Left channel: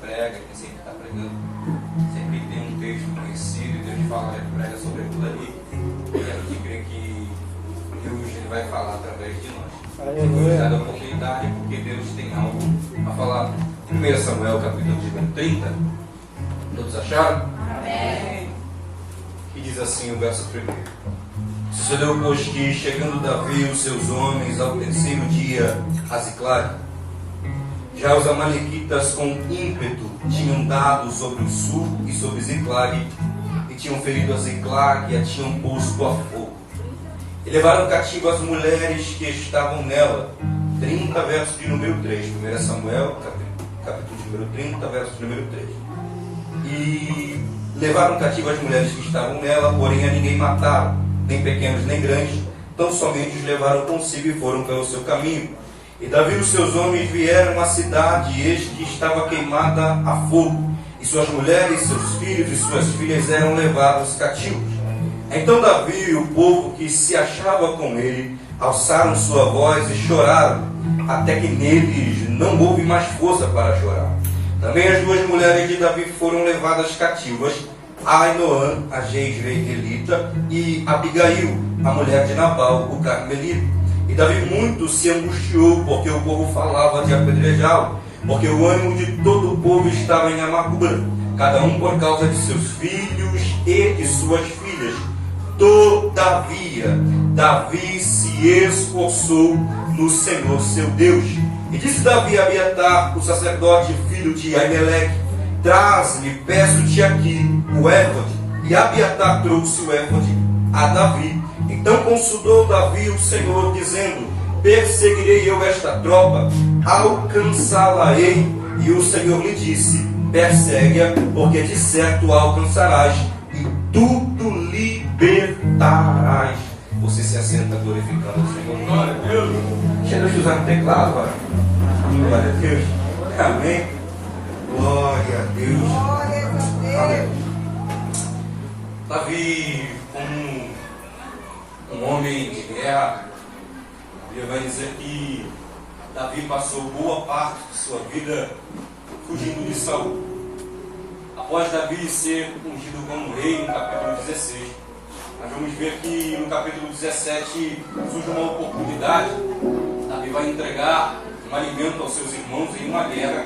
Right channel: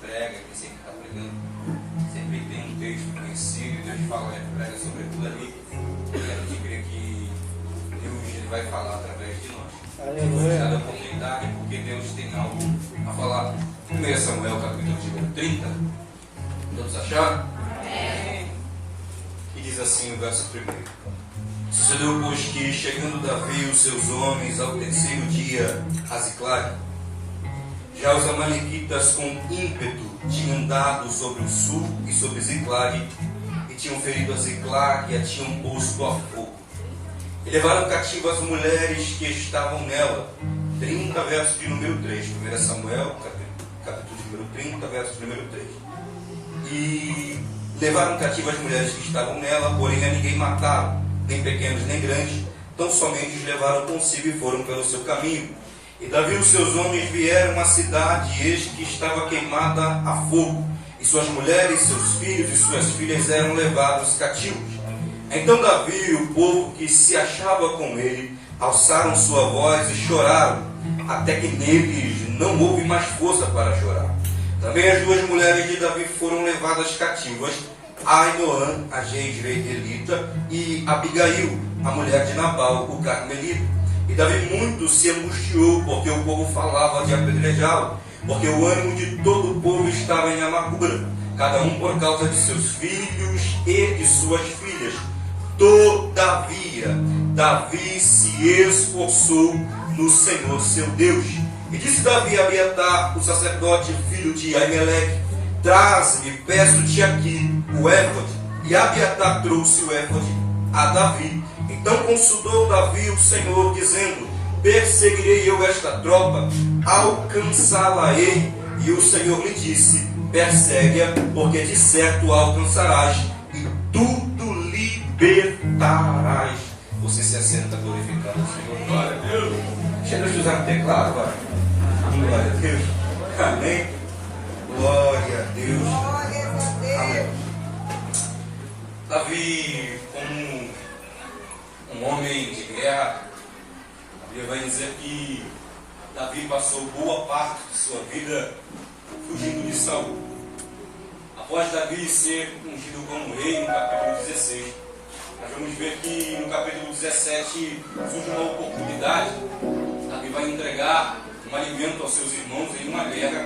prega, quem sempre está pregando, sempre tem um texto conhecido e Deus fala, prega sobre aquilo ali. Eu quero que crer que Deus ele vai falar através de nós. Aleluia. Dá a oportunidade porque Deus tem algo a falar. 1 Samuel capítulo 30. Todos acharam? Amém. E diz assim o verso 1. Sucedeu, pois, que chegando Davi e os seus homens ao terceiro dia a Ziclag, já os amalequitas com ímpeto tinham dado sobre o sul e sobre Ziclag, e tinham ferido a Ziclag e a tinham posto a fogo. E levaram cativas as mulheres que estavam nela. 30, verso de número 3. 1 Samuel, capítulo de número 30, verso de número 3. E levaram cativas as mulheres que estavam nela, porém a ninguém mataram, nem pequenos nem grandes, tão somente os levaram consigo e foram pelo seu caminho. E Davi e os seus homens vieram à cidade, e eis que estava queimada a fogo, e suas mulheres, seus filhos e suas filhas eram levados cativos. Então Davi e o povo que se achava com ele alçaram sua voz e choraram, até que neles não houve mais força para chorar. Também as duas mulheres de Davi foram levadas cativas, Ainoã, a jezreelita, e Abigail, a mulher de Nabal, o carmelita. E Davi muito se angustiou, porque o povo falava de apedrejá-lo, porque o ânimo de todo o povo estava em amargura, cada um por causa de seus filhos e de suas filhas. Todavia, Davi se esforçou no Senhor seu Deus. E disse Davi a Abiatar, o sacerdote, filho de Aimeleque: traze-me, peço-te aqui, o éfode. E Abiatar trouxe o éfode a Davi. Então consultou Davi o Senhor, dizendo: perseguirei eu esta tropa, alcançá-la-ei. E o Senhor lhe disse: persegue-a, porque de certo a alcançarás, e tudo libertarás. Você se assenta glorificando o Senhor. Glória a Deus. Chega de usar o teclado, vai. Glória a Deus. Amém. Glória a Deus. Glória a Deus. Davi, como um homem de guerra, a Bíblia vai dizer que Davi passou boa parte de sua vida fugindo de Saul. Após Davi ser ungido como rei no capítulo 16, nós vamos ver que no capítulo 17 surge uma oportunidade. Davi vai entregar um alimento aos seus irmãos em uma guerra.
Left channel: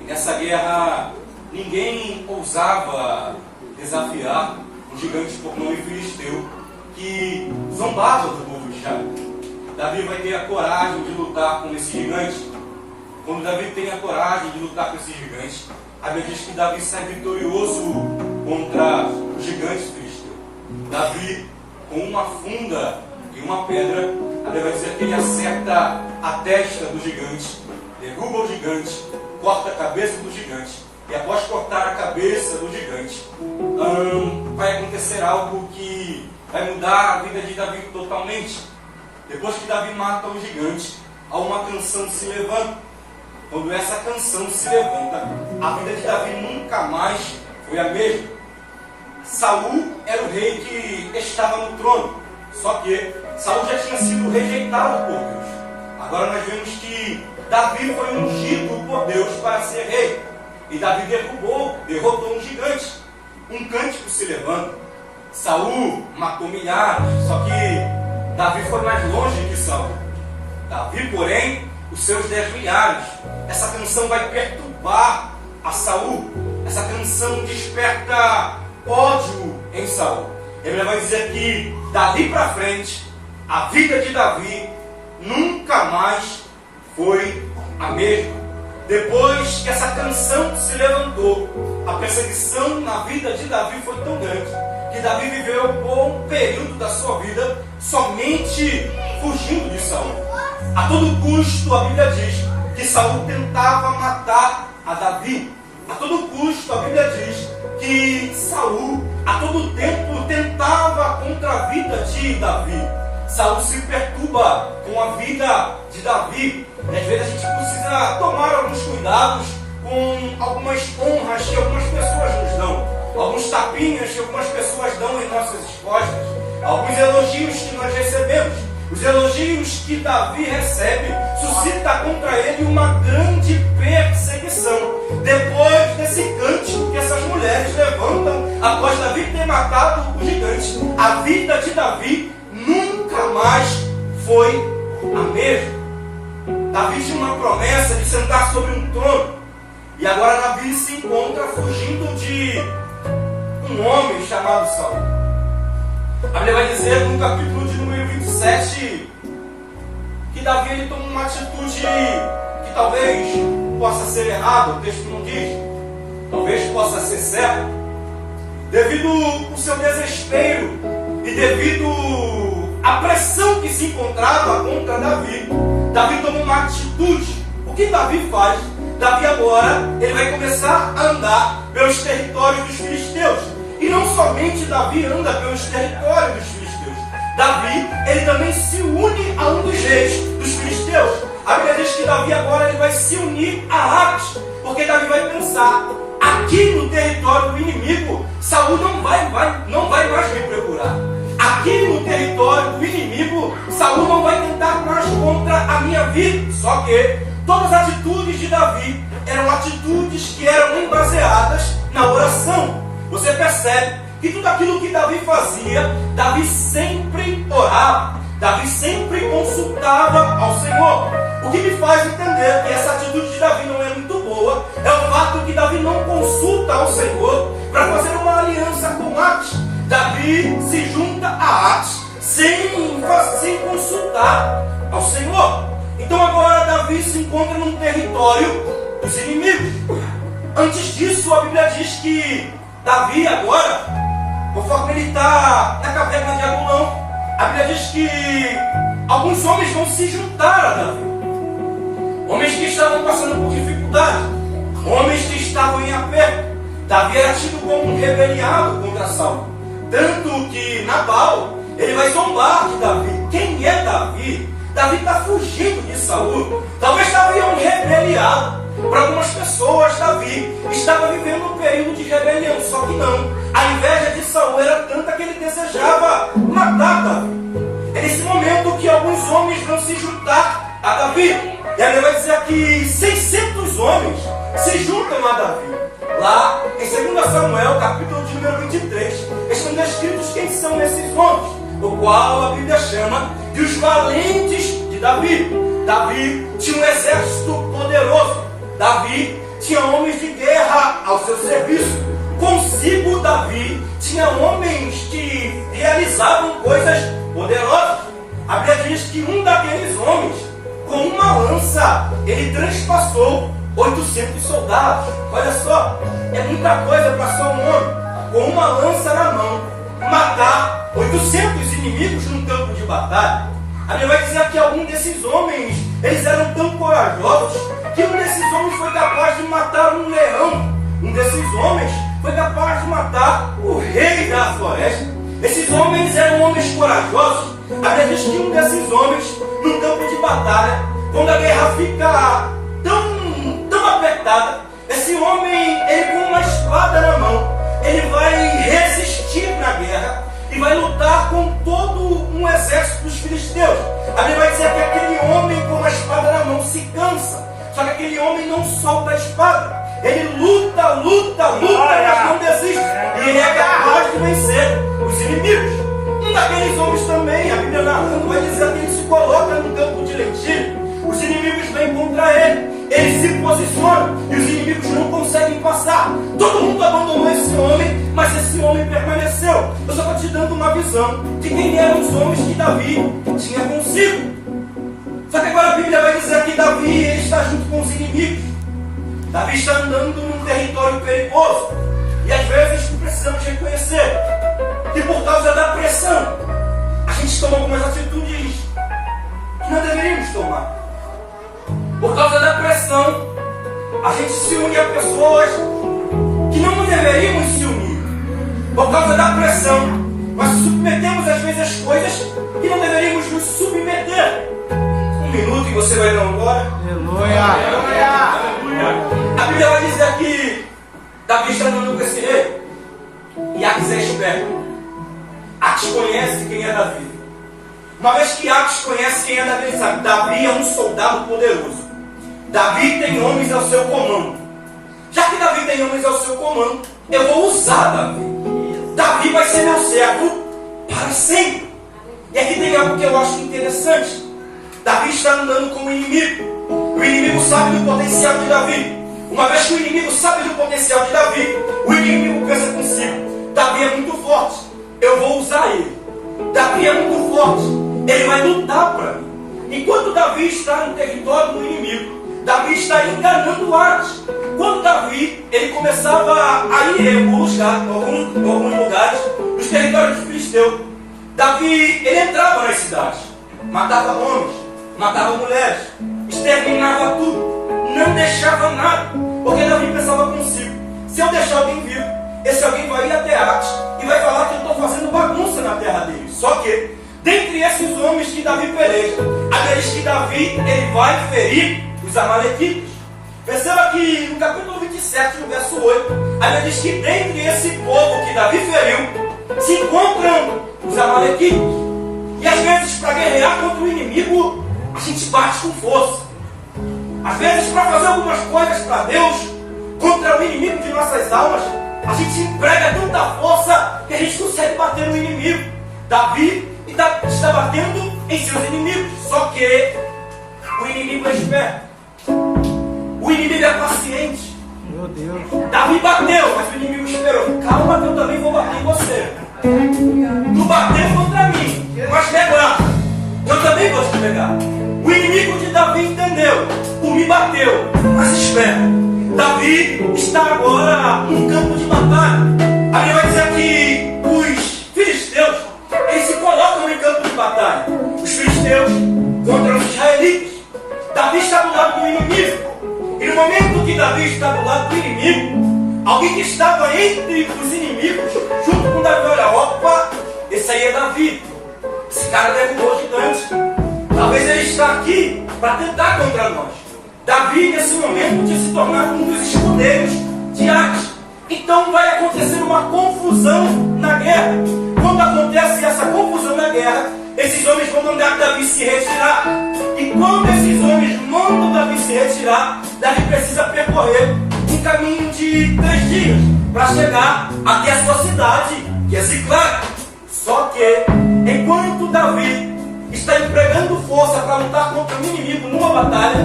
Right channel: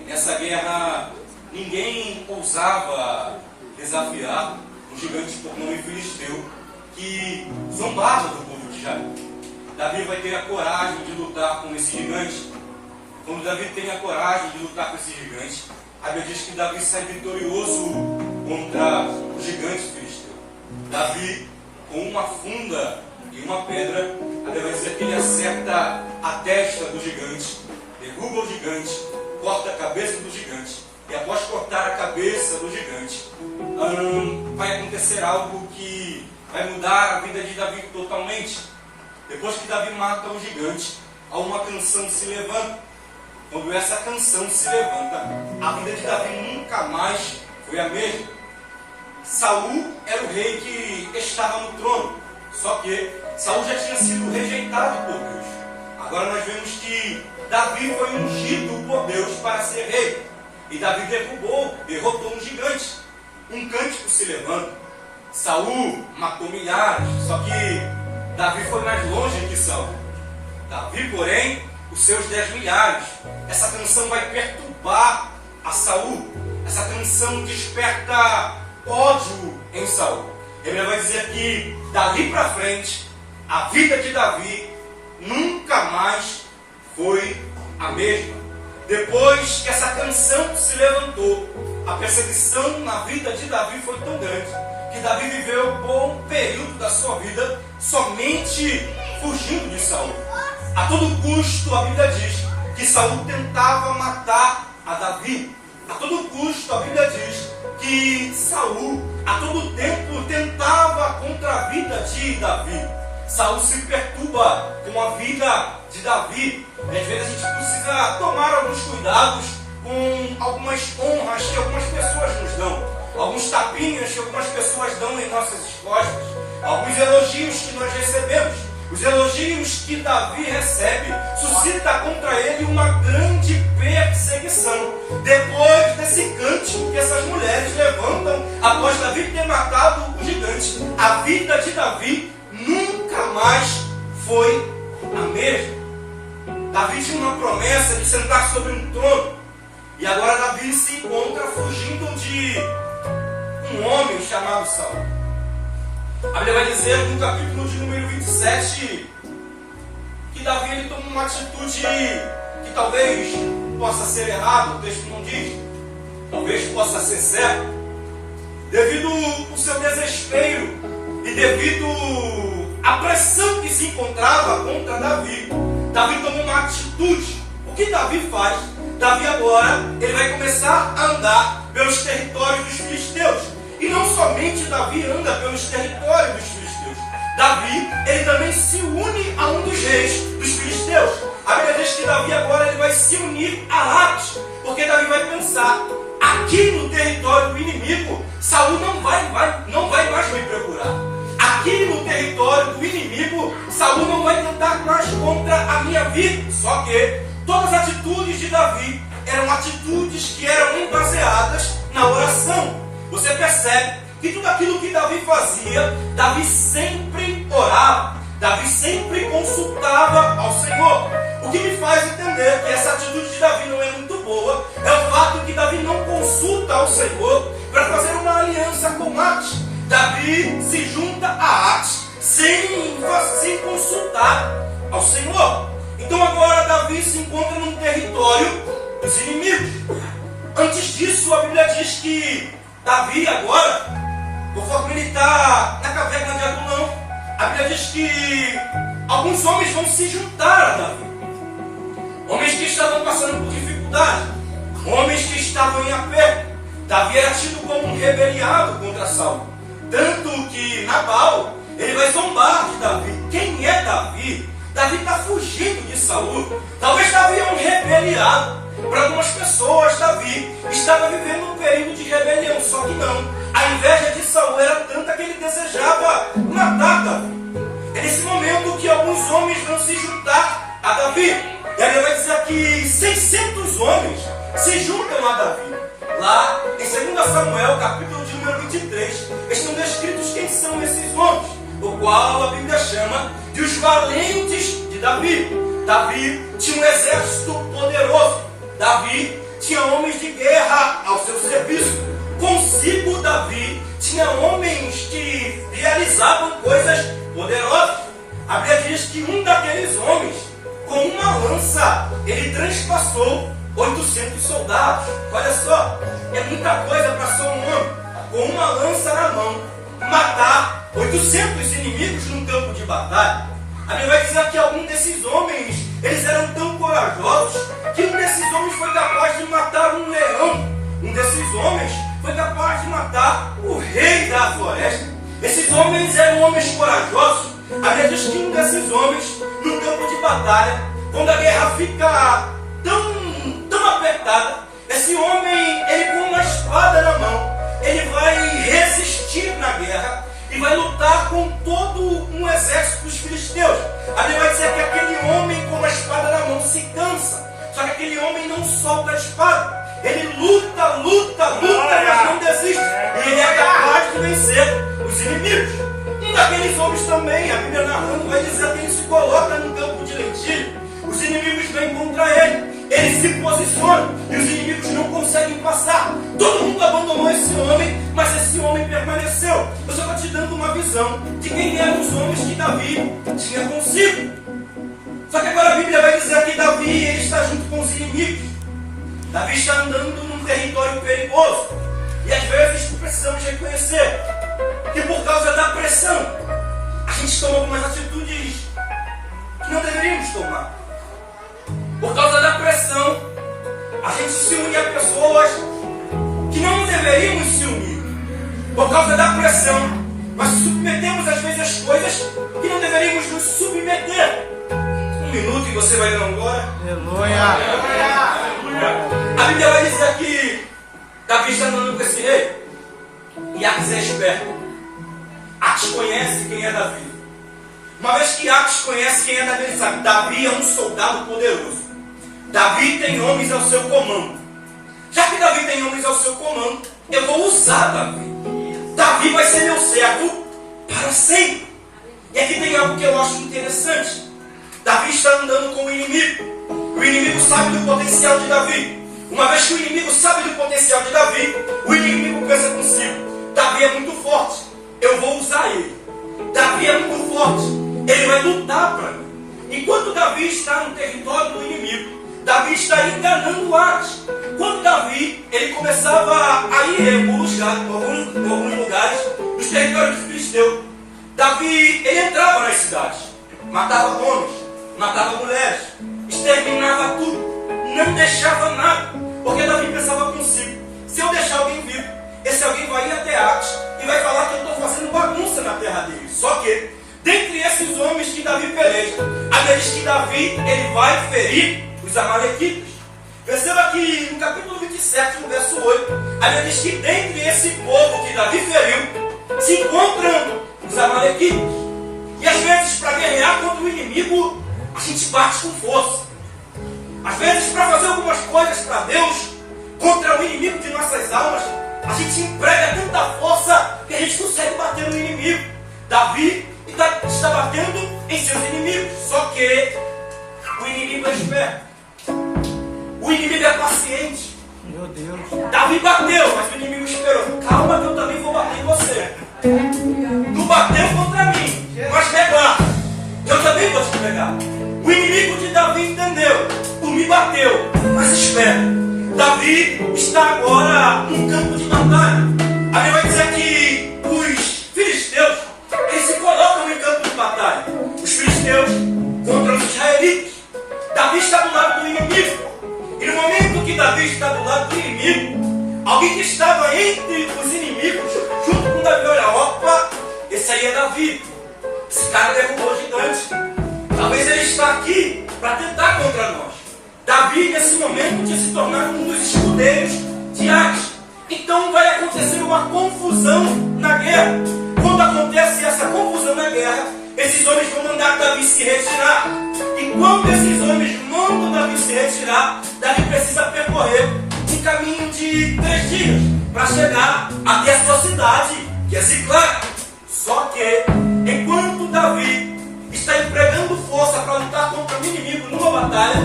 E nessa guerra ninguém ousava desafiar um gigante por nome filisteu que zombava do povo de Israel. Davi vai ter a coragem de lutar com esse gigante. Quando Davi tem a coragem de lutar com esse gigante, a Bíblia diz que Davi sai vitorioso contra o gigante filisteu. Davi, com uma funda e uma pedra, a Bíblia vai dizer que ele acerta a testa do gigante, derruba o gigante, corta a cabeça do gigante. E após cortar a cabeça do gigante, vai acontecer algo que vai mudar a vida de Davi totalmente. Depois que Davi mata o gigante, há uma canção que se levanta. Quando essa canção se levanta, a vida de Davi nunca mais foi a mesma. Saul era o rei que estava no trono, só que Saul já tinha sido rejeitado por Deus. Agora nós vemos que Davi foi ungido por Deus para ser rei. E Davi derrotou um gigante. Um cântico se levanta. Saul matou milhares, só que Davi foi mais longe que Saul. Davi, porém, os seus 10 milhares. Essa canção vai perturbar a Saul. Essa canção desperta ódio em Saul. A Bíblia vai dizer que dali para frente, a vida de Davi nunca mais foi a mesma. Depois que essa canção se levantou, a perseguição na vida de Davi foi tão grande que Davi viveu um bom período da sua vida somente fugindo de Saul. A todo custo, a Bíblia diz que Saul tentava matar a Davi. A todo custo, a Bíblia diz que Saul, a todo tempo, tentava contra a vida de Davi. Saul se perturba com a vida de Davi. E às vezes a gente precisa tomar alguns cuidados com algumas honras que algumas pessoas nos dão, alguns tapinhas que algumas pessoas dão em nossas costas, alguns elogios que nós recebemos. Os elogios que Davi recebe suscita contra ele uma grande perseguição. Depois desse cântico que essas mulheres levantam após Davi ter matado o gigante, a vida de Davi nunca mais foi a mesma. Davi tinha uma promessa de sentar sobre um trono, e agora Davi se encontra fugindo de um homem chamado Saul. A Bíblia vai dizer no capítulo de número 27 que Davi ele toma uma atitude que talvez possa ser errada, o texto não diz, talvez possa ser certo, devido ao seu desespero e devido à pressão que se encontrava contra Davi. Davi toma uma atitude. O que Davi faz? Davi agora ele vai começar a andar pelos territórios dos filisteus. E não somente Davi anda pelos territórios dos filisteus. Davi ele também se une a um dos reis dos filisteus. A Bíblia diz que Davi agora ele vai se unir a Aques, porque Davi vai pensar: aqui no território do inimigo, Saul não vai mais me procurar. Aqui no território do inimigo, Saul não vai tentar mais contra a minha vida. Só que todas as atitudes de Davi eram atitudes que eram baseadas na oração. Você percebe que tudo aquilo que Davi fazia, Davi sempre orava, Davi sempre consultava ao Senhor. O que me faz entender que essa atitude de Davi não é muito boa é o fato que Davi não consulta ao Senhor para fazer uma aliança com Aques. Davi se junta a Aques sem consultar ao Senhor. Então agora Davi se encontra num território dos inimigos. Antes disso, a Bíblia diz que Davi agora, conforme ele está na caverna de Adulão, a Bíblia diz que alguns homens vão se juntar a Davi. Homens que estavam passando por dificuldade, homens que estavam em aperto. Davi era tido como um rebeliado contra Saul. Tanto que Nabal, ele vai zombar de Davi. Quem é Davi? Davi está fugindo de Saul. Talvez Davi é um rebeliado. Para algumas pessoas, Davi estava vivendo um período de rebelião. Só que não. A inveja de Saul era tanta que ele desejava matar Davi. É nesse momento que alguns homens vão se juntar a Davi. E aí vai dizer que 600 homens se juntam a Davi. Lá em 2 Samuel, capítulo de número 23, estão descritos quem são esses homens, o qual a Bíblia chama de os valentes de Davi. Davi tinha um exército poderoso. Davi tinha homens de guerra ao seu serviço. Consigo Davi tinha homens que realizavam coisas poderosas. A Bíblia diz que um daqueles homens, com uma lança, ele transpassou 800 soldados. Olha só, é muita coisa para só um homem, com uma lança na mão, matar 800 inimigos num campo de batalha. A Bíblia vai dizer que algum desses homens, eles eram tão corajosos, que um desses homens foi capaz de matar um leão. Um desses homens foi capaz de matar o rei da floresta. Esses homens eram homens corajosos. A Bíblia diz que um desses homens, num campo de batalha, quando a guerra fica tão apertada, esse homem, ele com uma espada na mão, ele vai resistir na guerra e vai lutar com todo um exército dos filisteus. A Bíblia vai dizer que aquele homem com uma espada na mão se cansa, só que aquele homem não solta a espada. Ele luta, mas não desiste. E ele é capaz de vencer os inimigos. Um daqueles homens também, a Bíblia narrando, vai dizer que ele se coloca num campo de lentilha. Os inimigos vêm contra ele. Ele se posiciona e os inimigos não conseguem passar. Todo mundo abandonou esse homem, mas esse homem permaneceu. Eu só estou te dando uma visão de quem eram os homens que Davi tinha consigo. Só que agora a Bíblia vai dizer que Davi está junto com os inimigos. Davi está andando num território perigoso. E às vezes precisamos reconhecer que por causa da pressão, a gente toma algumas atitudes que não deveríamos tomar. Por causa da pressão, a gente se une a pessoas que não deveríamos se unir. Por causa da pressão, nós submetemos às vezes as coisas que não deveríamos nos submeter. Um minuto e você vai dar um glória. A Bíblia vai dizer que Davi está andando com esse rei. E Aques é esperto. Aques conhece quem é Davi. Uma vez que Aques conhece quem é Davi, ele sabe: Davi é um soldado poderoso. Davi tem homens ao seu comando. já que Davi tem homens ao seu comando, eu vou usar Davi. Davi vai ser meu servo para sempre. E aqui tem algo que eu acho interessante. Davi está andando com o inimigo. O inimigo sabe do potencial de Davi. Uma vez que o inimigo sabe do potencial de Davi, o inimigo pensa consigo: Davi é muito forte, eu vou usar ele. Davi é muito forte, ele vai lutar para mim. Enquanto Davi está no território do inimigo, Davi está enganando Ares. Quando Davi ele começava a ir em alguns lugares dos territórios dos filisteus, Davi ele entrava nas cidades, matava homens, matava mulheres, exterminava tudo, não deixava nada, porque Davi pensava consigo: se eu deixar alguém vivo, esse alguém vai ir até Ares e vai falar que eu estou fazendo bagunça na terra dele. Só que, dentre esses homens que Davi peleja, aqueles que Davi ele vai ferir os amalequitas. Perceba que no capítulo 27, no verso 8, ali diz que dentre esse povo que Davi feriu, se encontram os amalequitas. E às vezes, para guerrear contra o inimigo, a gente bate com força. Às vezes, para fazer algumas coisas para Deus, contra o inimigo de nossas almas, a gente emprega tanta força que a gente consegue bater no inimigo. Davi está batendo em seus inimigos. Só que o inimigo é esperto. O inimigo é paciente. Meu Deus. Davi bateu, mas o inimigo esperou. Calma que eu também vou bater em você. Tu bateu contra mim, mas me aguarda. Eu também vou te pegar. O inimigo de Davi entendeu. Tu me bateu, mas espera. Davi está agora num campo de batalha. A Bíblia vai dizer que os filisteus, eles se colocam em campo de batalha. Os filisteus contra os israelitas. Davi está do lado do inimigo. E no momento que Davi está do lado do inimigo, alguém que estava entre os inimigos, junto com Davi, olha, opa, esse aí é Davi. Esse cara derrubou o gigante. Talvez ele está aqui para tentar contra nós. Davi, nesse momento, tinha se tornado um dos escudeiros de Ares. Então vai acontecer uma confusão na guerra. Quando acontece essa confusão na guerra, esses homens vão mandar Davi se retirar. E quando esses homens mandam Davi se retirar, Davi precisa percorrer um caminho de 3 dias para chegar até a sua cidade, que é Ziclague. Só que, enquanto Davi está empregando força para lutar contra o inimigo numa batalha,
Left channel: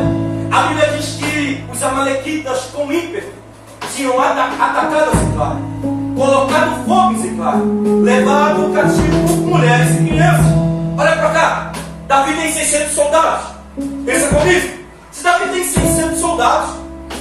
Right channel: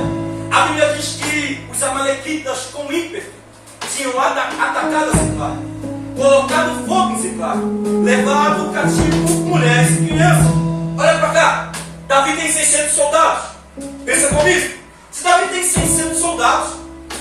a Bíblia diz que os amalequitas, com ímpeto, tinham atacado Ziclague, colocado fogo em Ziclague, levado cativo mulheres e crianças. Olha para cá, Davi tem 600 soldados. Pensa comigo, se Davi tem 600 soldados,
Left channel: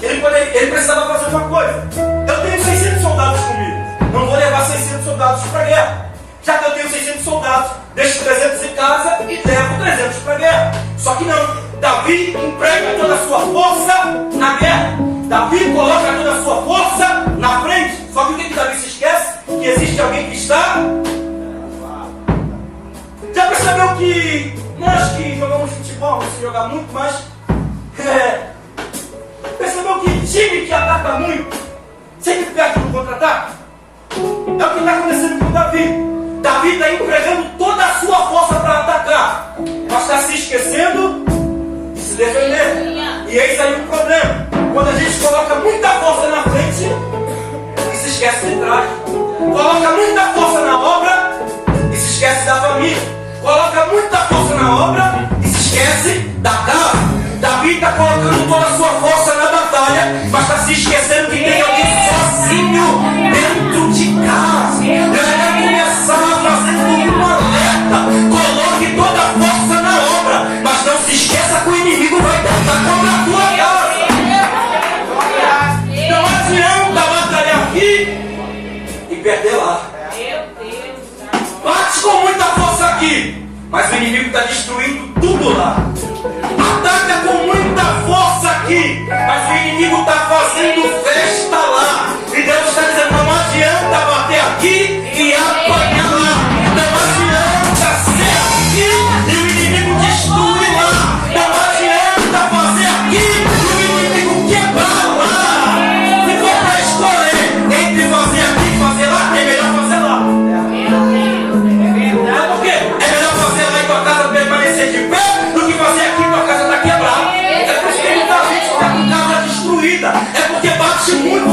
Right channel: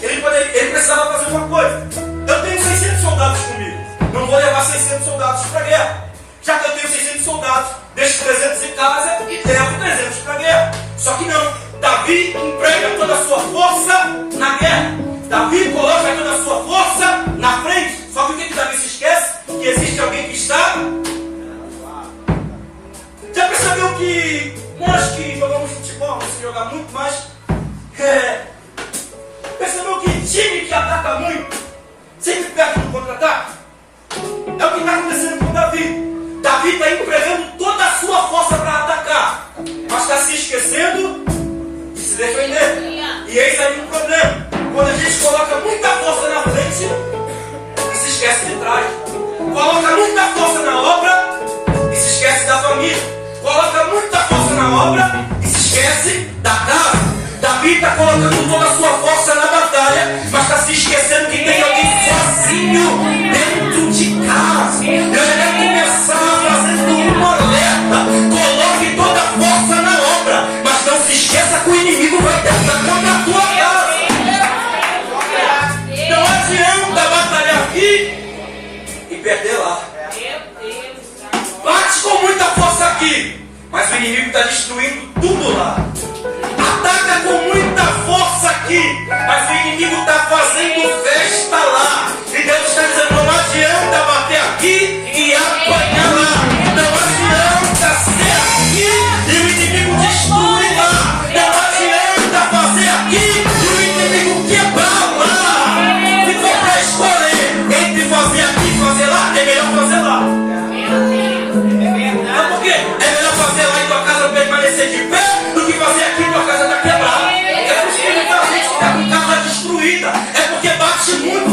ele precisava fazer uma coisa: eu tenho 600 soldados comigo, não vou levar 600 soldados para a guerra. Já que eu tenho 600 soldados, deixo 300 em casa e levo 300 para a guerra. Só que não, Davi emprega toda a sua força na guerra. Davi coloca toda a sua força na frente. Só que o que Davi se esquece? Que existe alguém que está. Já percebeu que nós que jogamos futebol, você joga muito mais. Percebeu que time que ataca muito sempre perde no contra-ataque? É o que está acontecendo com Davi. Davi está empregando toda a sua força para atacar, mas está se esquecendo de se defender. E eis aí um problema: quando a gente coloca muita força na frente e se esquece de trás, coloca muita força na obra e se esquece da família, coloca muita força na obra e se esquece da casa. Davi está colocando toda a sua força na batalha, mas está se esquecendo que tem alguém sozinho dentro de casa. Eu já quero começar fazendo um alerta: coloque toda a força na obra, mas não se esqueça que o inimigo vai tentar contra a tua casa. Não adianta batalhar aqui e perder lá. Bate com muita força aqui, mas o inimigo está destruindo tudo lá. Ataca com muita força aqui, mas o inimigo está fazendo festa lá. E Deus está dizendo: não adianta bater aqui e apanhar lá. Não adianta ser aqui e o inimigo destruir lá. Não adianta fazer aqui e o inimigo quebrar lá. Se for para escolher entre fazer aqui e fazer lá, é melhor fazer lá. Sabe por quê? É melhor fazer lá e tua casa permanecer de pé do que fazer aqui e tua casa está quebrada. É por isso que muita gente está com casa destruída. É porque bate muito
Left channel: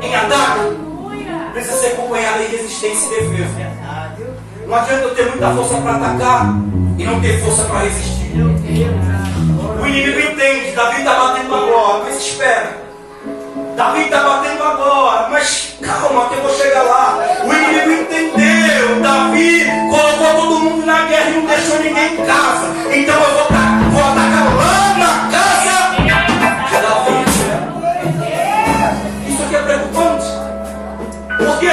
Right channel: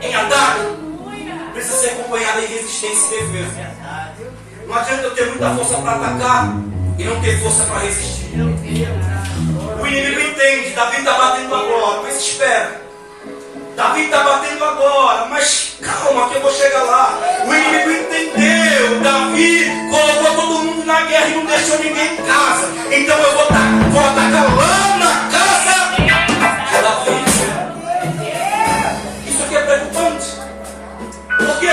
em ataque, precisa ser acompanhada em resistência e defesa. Não adianta eu ter muita força para atacar e não ter força para resistir. O inimigo entende, Davi está batendo agora, mas espera. Davi está batendo agora, mas calma que eu vou chegar lá. O inimigo entendeu, Davi colocou todo mundo na guerra e não deixou ninguém em casa. Então eu vou atacar lá na casa de Davi. Isso aqui é preocupante. Porque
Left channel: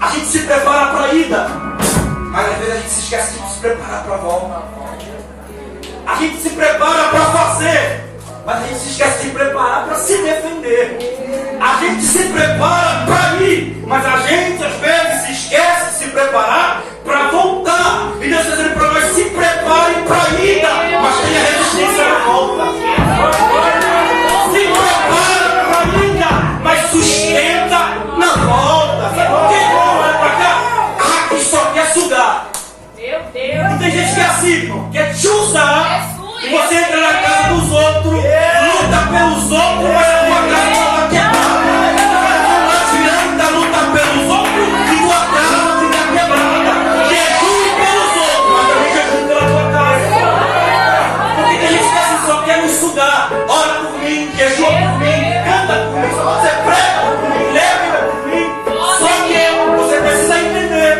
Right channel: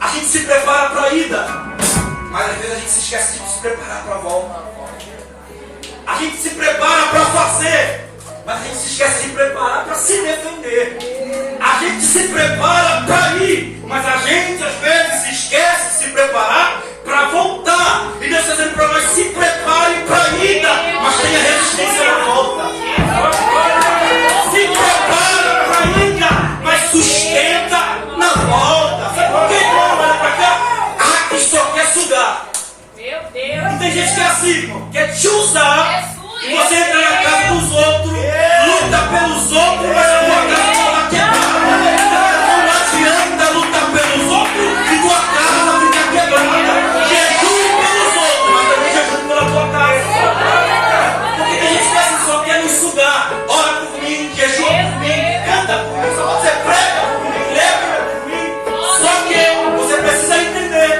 a gente se prepara para a ida, mas às vezes a gente se esquece de se preparar para a volta. A gente se prepara para fazer, mas a gente se esquece de se preparar para se defender. A gente se prepara para ir, mas a gente às vezes se esquece de se preparar para voltar. E Deus está dizendo para nós: se prepare para a ida, mas tenha resistência na volta. Se prepara para a ida, mas sustenta na volta. Sabe por quê? Olha para cá. Ah, que só quer sugar. Meu Deus. E tem gente que é assim, irmão, quer te usar. E você entra na casa dos outros, luta pelos outros, mas a tua casa está quebrada. Não adianta lutar pelos outros e tua casa fica quebrada. Jejum pelos outros, mas também jejum pela tua casa. Porque tem gente que assim, só quer nos sugar. Ora por mim, jejum por mim, canta por mim, só você prega por mim, leva por mim. Só que você precisa entender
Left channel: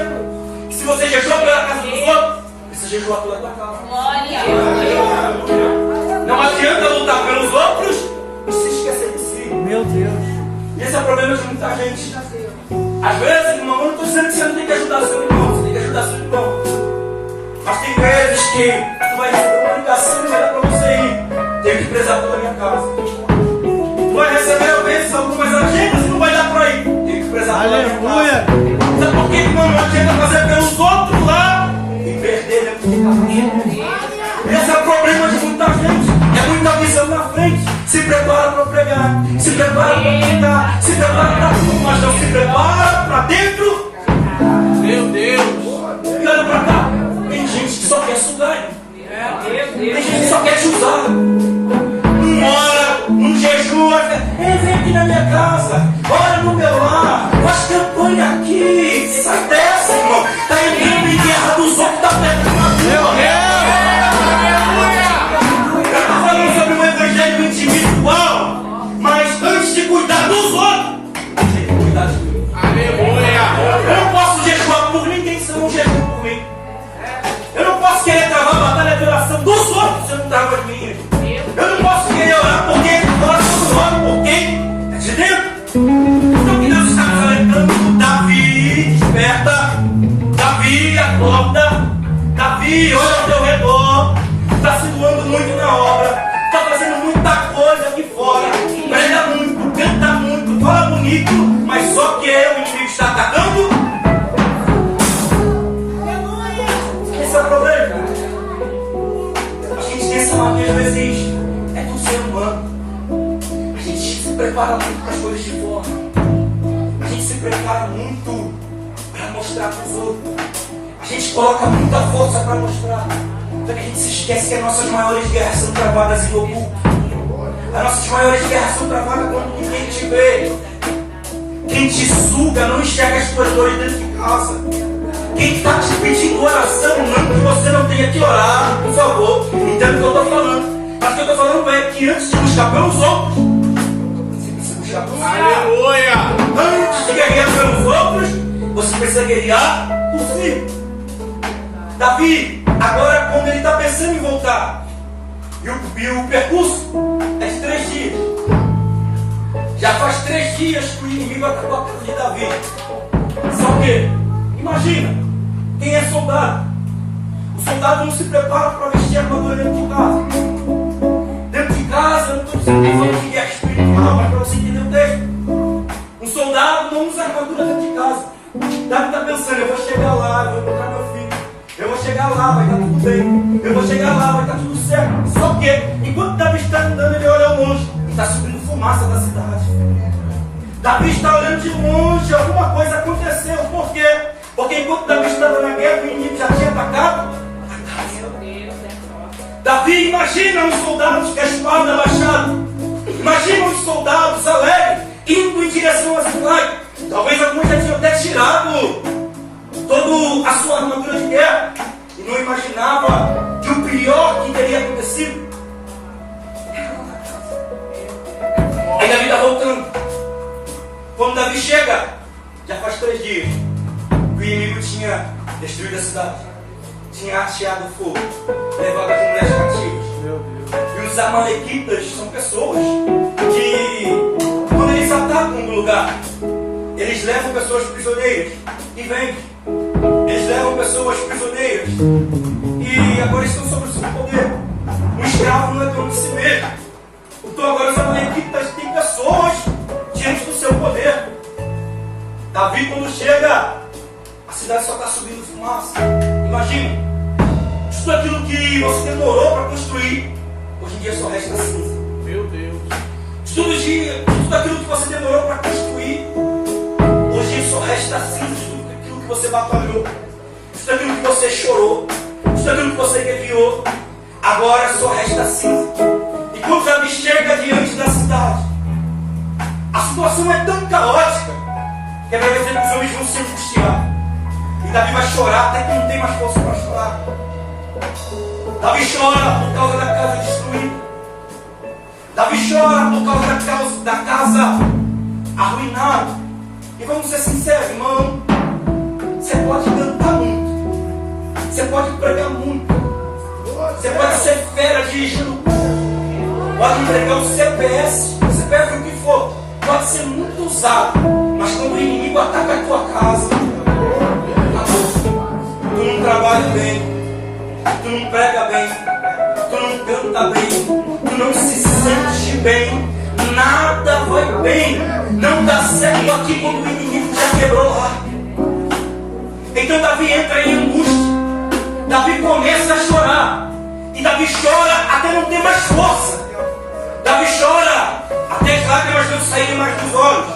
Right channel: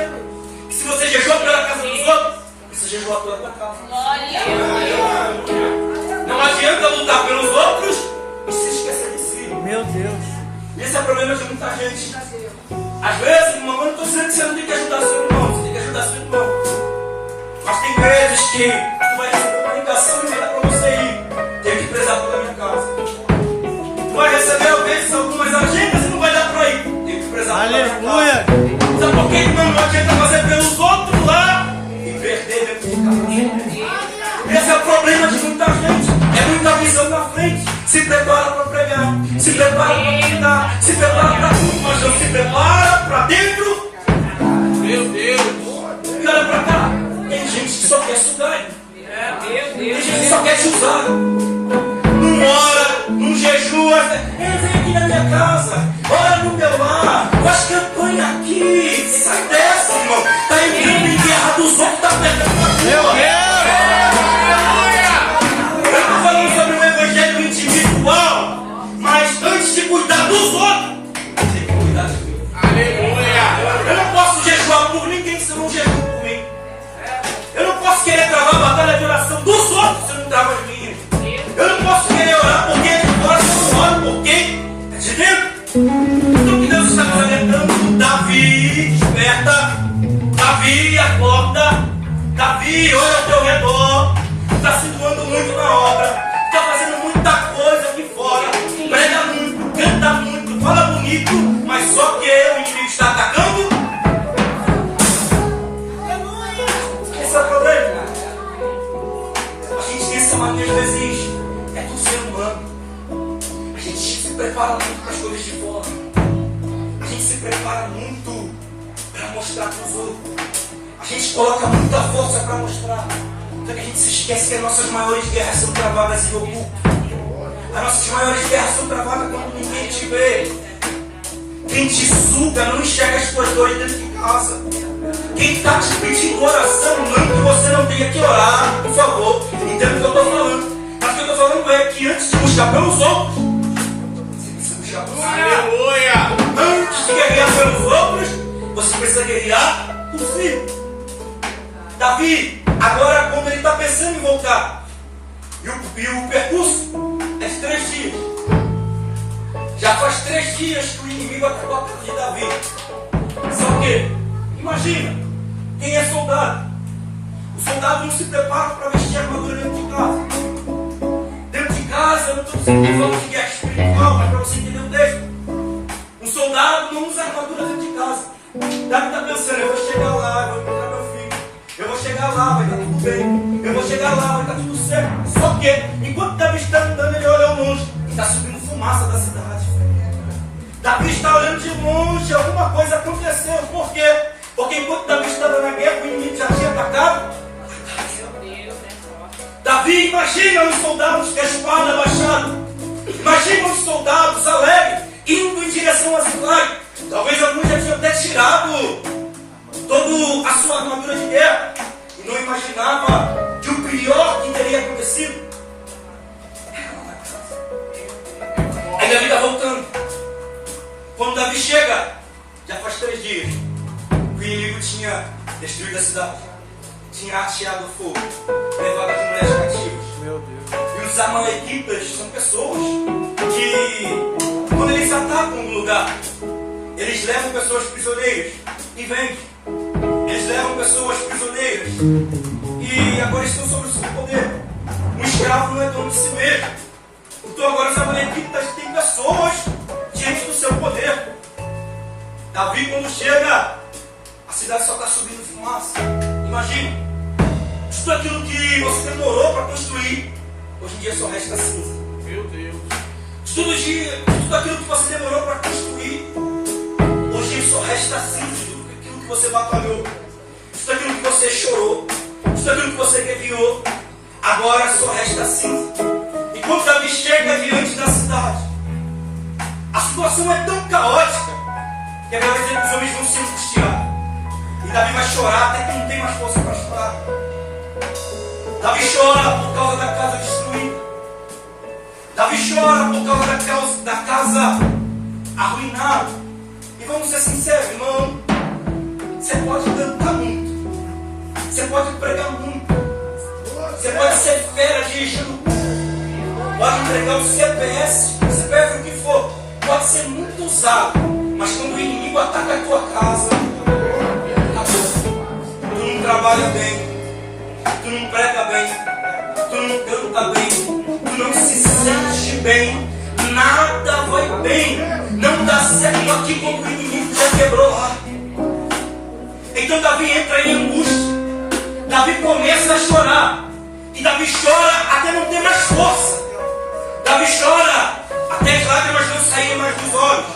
que se você jejua pela casa dos outros, precisa jejuar pela tua casa. Não adianta lutar pelos outros e se esquecer de si. Meu Deus. Esse é o problema de muita gente. Às vezes, irmão, eu não estou dizendo que você não tem que ajudar seu irmão, você tem que ajudar seu irmão. Mas tem vezes que tu vai receber uma ligação e não vai dar para você ir. Tem que prezar pela minha casa. Tu vai receber talvez algumas agendas e não vai dar para ir. Tem que prezar pela minha casa. Sabe por quê, irmão? Não adianta fazer pelos outros lá e perder dentro de casa. Esse é o problema de muita gente. É muita visão na frente. Se prepara para pregar, se prepara para pregar, se prepara para tudo, mas não se prepara para dentro. Meu Deus. E olha para cá. Tem gente que só quer sugar. Tem gente que só quer te usar. Não ora, não jejua. Vem aqui na minha casa. Ora no meu lar. Faz campanha aqui. Sai dessa, irmão. Tá entrando em guerra dos outros, tá perdendo a tua. Eu estou falando sobre o evangelho individual, mas antes de cuidar dos outros, tem que cuidar de mim. Aleluia. Eu não posso jejuar por ninguém se eu não jejuo por mim. Eu não posso querer travar a batalha de oração dos outros se eu não travo as minhas. Eu não posso querer orar por quem é de fora se eu não oro por quem é de dentro. Então o que Deus está nos alertando? Davi, desperta. Davi, acorda. Davi, olha ao teu redor. Está se doando muito na obra, está fazendo muita coisa aqui fora, prega muito, canta muito, fala bonito, mas só que o inimigo está atacando. Esse é o problema. A gente tem essa mania, às vezes, é do ser humano. A gente se prepara muito para as coisas de fora. A gente se prepara muito para mostrar para os outros. A gente coloca muita força para mostrar. Só que a gente se esquece que as nossas maiores guerras são travadas em oculto. As nossas maiores guerras são travadas quando ninguém te vê. Quem te suga não enxerga as tuas dores dentro de casa. Quem está te pedindo oração, não que você não tenha que orar, por favor. Entenda o que eu estou falando. Mas o que eu estou falando é que antes de buscar pelos outros, você precisa buscar pelos outros. Aleluia. Antes de guerrear pelos outros, você precisa guerrear por si. Davi, agora quando ele está pensando em voltar, e o percurso é de 3 dias. Já faz 3 dias que o inimigo acabou a casa de Davi. Só que, imagina, quem é soldado? O soldado não se prepara para vestir a armadura dentro de casa. Dentro de casa, eu não estou falando de guerra espiritual, mas para você entender o texto. Um soldado não usa armadura dentro de casa. Davi está pensando, eu vou chegar lá, vou encontrar meu filho. Eu vou chegar lá, vai estar tudo bem. Eu vou chegar lá, vai estar tudo certo. Só que, enquanto Davi está andando, ele olha ao longe e está subindo fumaça da cidade. Davi está olhando de longe, alguma coisa aconteceu. Por quê? Porque enquanto Davi estava na guerra, o inimigo já tinha atacado. Davi, imagina os soldados com a espada abaixada. Imagina os soldados alegres indo em direção à cidade. Talvez alguns já tinham até tirado toda a sua armadura de guerra e não imaginava que o pior que teria acontecido. Aí Davi está voltando. Quando Davi chega, já faz 3 dias, o inimigo tinha destruído a cidade, tinha ateado o fogo, levado as mulheres cativas. E os amalequitas são pessoas que, quando eles atacam um lugar, eles levam pessoas prisioneiras e vendem. Eles levam pessoas prisioneiras e agora estão sobre o seu poder. Um escravo não é dono de si mesmo. Então agora os amalequitas têm pessoas diante do seu poder. Davi, quando chega, a cidade só está subindo fumaça. Imagine, tudo aquilo que você demorou para construir, hoje em dia só resta cinza. Meu Deus. Tudo aquilo que você demorou para construir, hoje só resta cinza. Tudo aquilo que você batalhou, tudo aquilo que você chorou, tudo aquilo que você guerreou, agora só resta cinza. E quando Davi chega diante da cidade, a situação é tão caótica que a Bíblia diz que os homens vão se angustiar. E Davi vai chorar até que não tem mais força para chorar. Davi chora por causa da casa destruída. Davi chora por causa da casa arruinada. E vamos ser sinceros, irmão. Você pode cantar muito. Você pode pregar muito. Você pode ser fera dirigindo. Pode entregar o CPF o que for. Pode ser muito usado. Mas quando o inimigo ataca a tua casa, tu não trabalha bem, tu não prega bem, tu não canta bem, tu não se sente bem, nada vai bem, não dá certo aqui quando o inimigo já quebrou lá. Então Davi entra em angústia, Davi começa a chorar, e Davi chora até não ter mais força, Davi chora até as lágrimas não saírem mais dos olhos.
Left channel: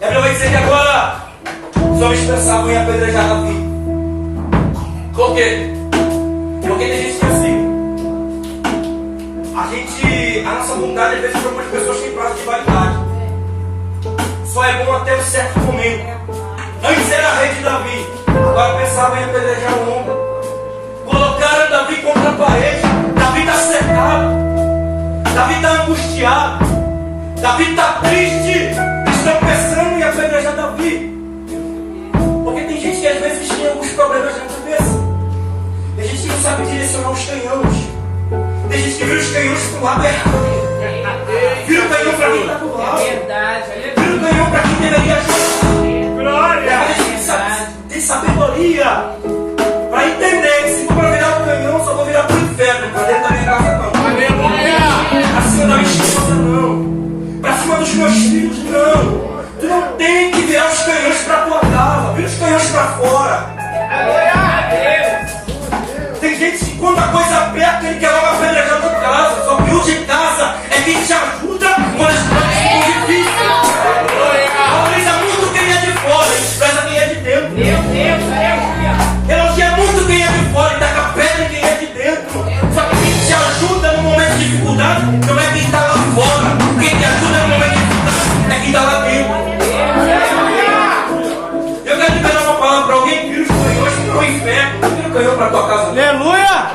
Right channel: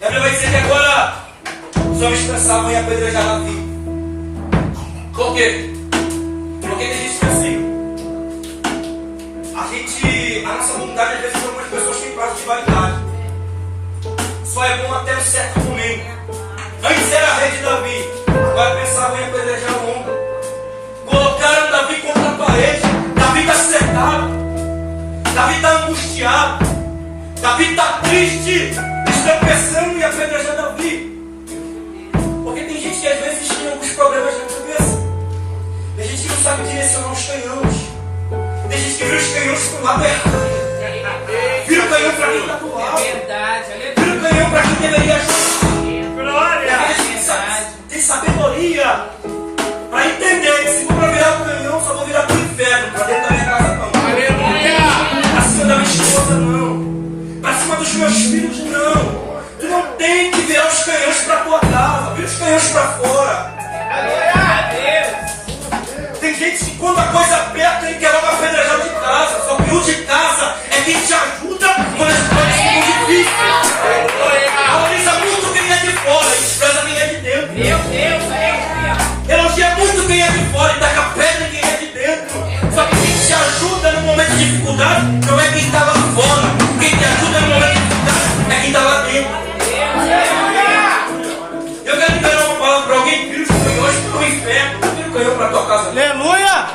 E a Bíblia vai dizer que agora os homens pensavam em apedrejar Davi. Por quê? Porque tem gente que é assim. A nossa bondade às vezes para algumas pessoas tem prazo de validade. Só é bom até um certo momento. Antes era rei de Davi, agora pensavam em apedrejar o homem. Colocaram Davi contra a parede. Davi está cercado. Davi está angustiado. Davi está triste. Estão pensando em apedrejar Davi. Porque tem gente que às vezes tem alguns problemas na cabeça. Tem gente que não sabe direcionar os canhões. Tem gente que vira os canhões para o lado errado. Vira o canhão para quem está do lado. Vira o canhão para quem deveria ajudar. Glória! A gente tem sabedoria para entender que se for para virar o canhão, só vou virar para o inferno. Para dentro da minha casa não. Aleluia! Para cima da minha esposa não. Para cima dos meus filhos não. Tu não tem que virar os canhões para a tua casa. Vira os canhões para fora. Tem gente que quando a coisa aperta, ele quer logo apedrejar de casa. Só que o de casa é quem te ajuda quando as coisas ficam difíceis. Valoriza muito quem é de fora e despreza quem é de dentro. Elogia muito quem é de fora e taca pedra em quem é de dentro. Só que quem te ajuda no momento de dificuldade não é quem está lá fora. Quem te ajuda no momento de dificuldade é quem está lá dentro. Eu quero liberar uma palavra para alguém que vira os canhões para o inferno. Vira o canhão para a tua casa. Aleluia!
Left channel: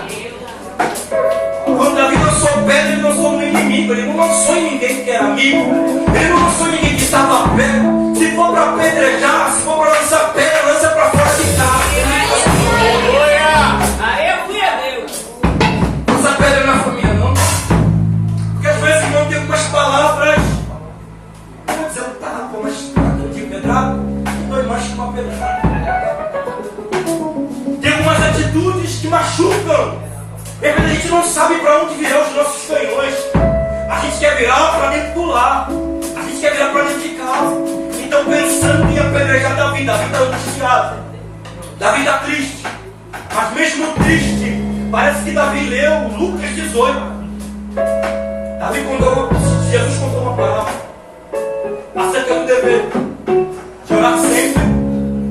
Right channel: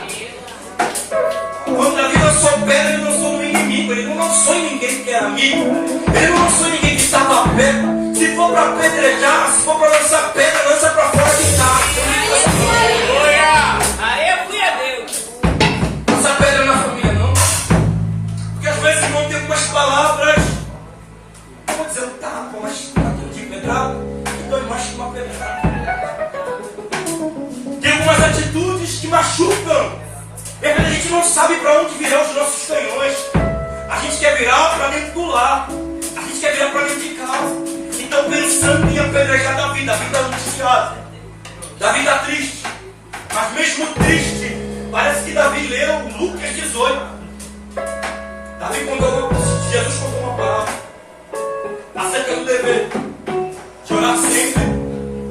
Quando Davi lançou pedra, ele lançou no inimigo. Ele não lançou em ninguém que era amigo. Ele não lançou em ninguém que estava perto. Se for para apedrejar, se for para lançar pedra, lança para fora de casa. Lança pedra na família, não. Porque às vezes, irmão, tem algumas palavras. Eu vou dizer, tá, pô, mas tá todo dia pedrado. Dói mais que uma pedrada. Tem algumas atitudes que machucam. E às vezes a gente não sabe para onde virar os nossos canhões. A gente quer virar para dentro do lar. A gente quer virar para dentro de casa. Então pensando em apedrejar Davi. Davi está angustiado. Davi está triste. Mas mesmo triste, parece que Davi leu Lucas 18. Jesus contou uma palavra acerca do dever de orar sempre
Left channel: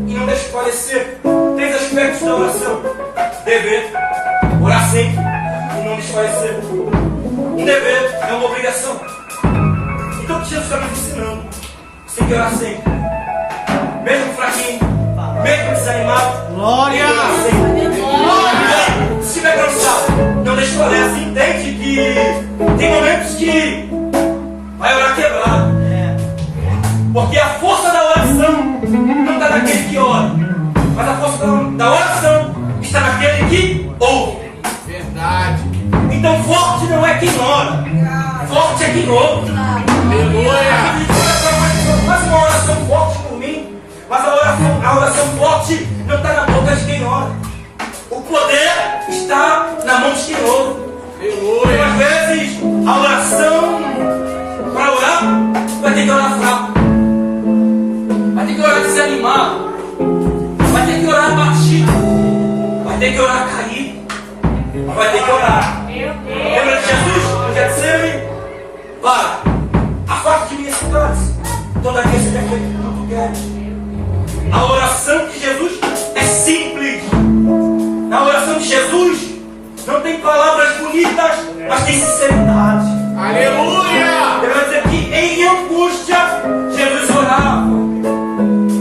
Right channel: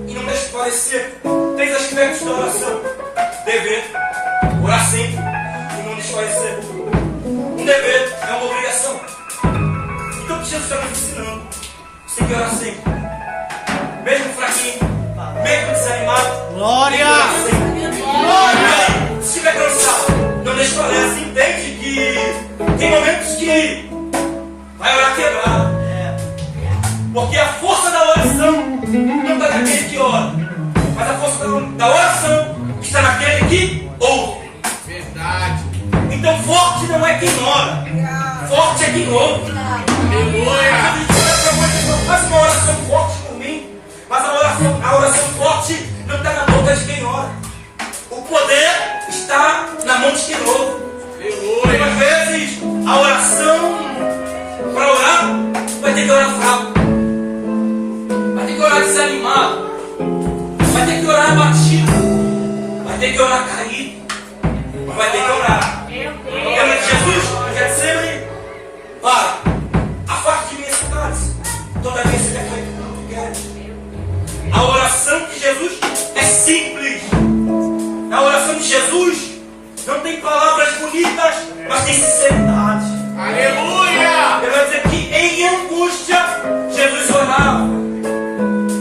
e não desfalecer. 3 aspectos da oração: dever, orar sempre e não desfalecer. Um dever é uma obrigação. Então o que Jesus está nos ensinando? Você tem que orar sempre. Mesmo fraquinho, mesmo desanimado, Glória! tem que orar sempre. Glória! Se estiver cansado, não desfalece. Entende que tem momentos que vai orar quebrado. Porque a força da oração não está naquele que ora, mas a força da oração está naquele que ouve. Verdade. Então forte não é quem ora, forte é quem ouve. Faz uma oração forte por mim, mas a oração forte não está na boca de quem ora. O poder está na mão de quem ouve. Então, às vezes, a oração, para orar, vai ter que orar fraco, vai ter que orar desanimado, vai ter que orar abatido, vai ter que orar caído, mas vai ter que orar. Lembra de Jesus? No Getsemane? Para, afaste de mim esse cálice, todavia seja feito como tu queres. A oração de Jesus é simples. Na oração de Jesus não tem palavras bonitas, mas tem sinceridade. Aleluia! Ele vai dizer que em angústia Jesus orava.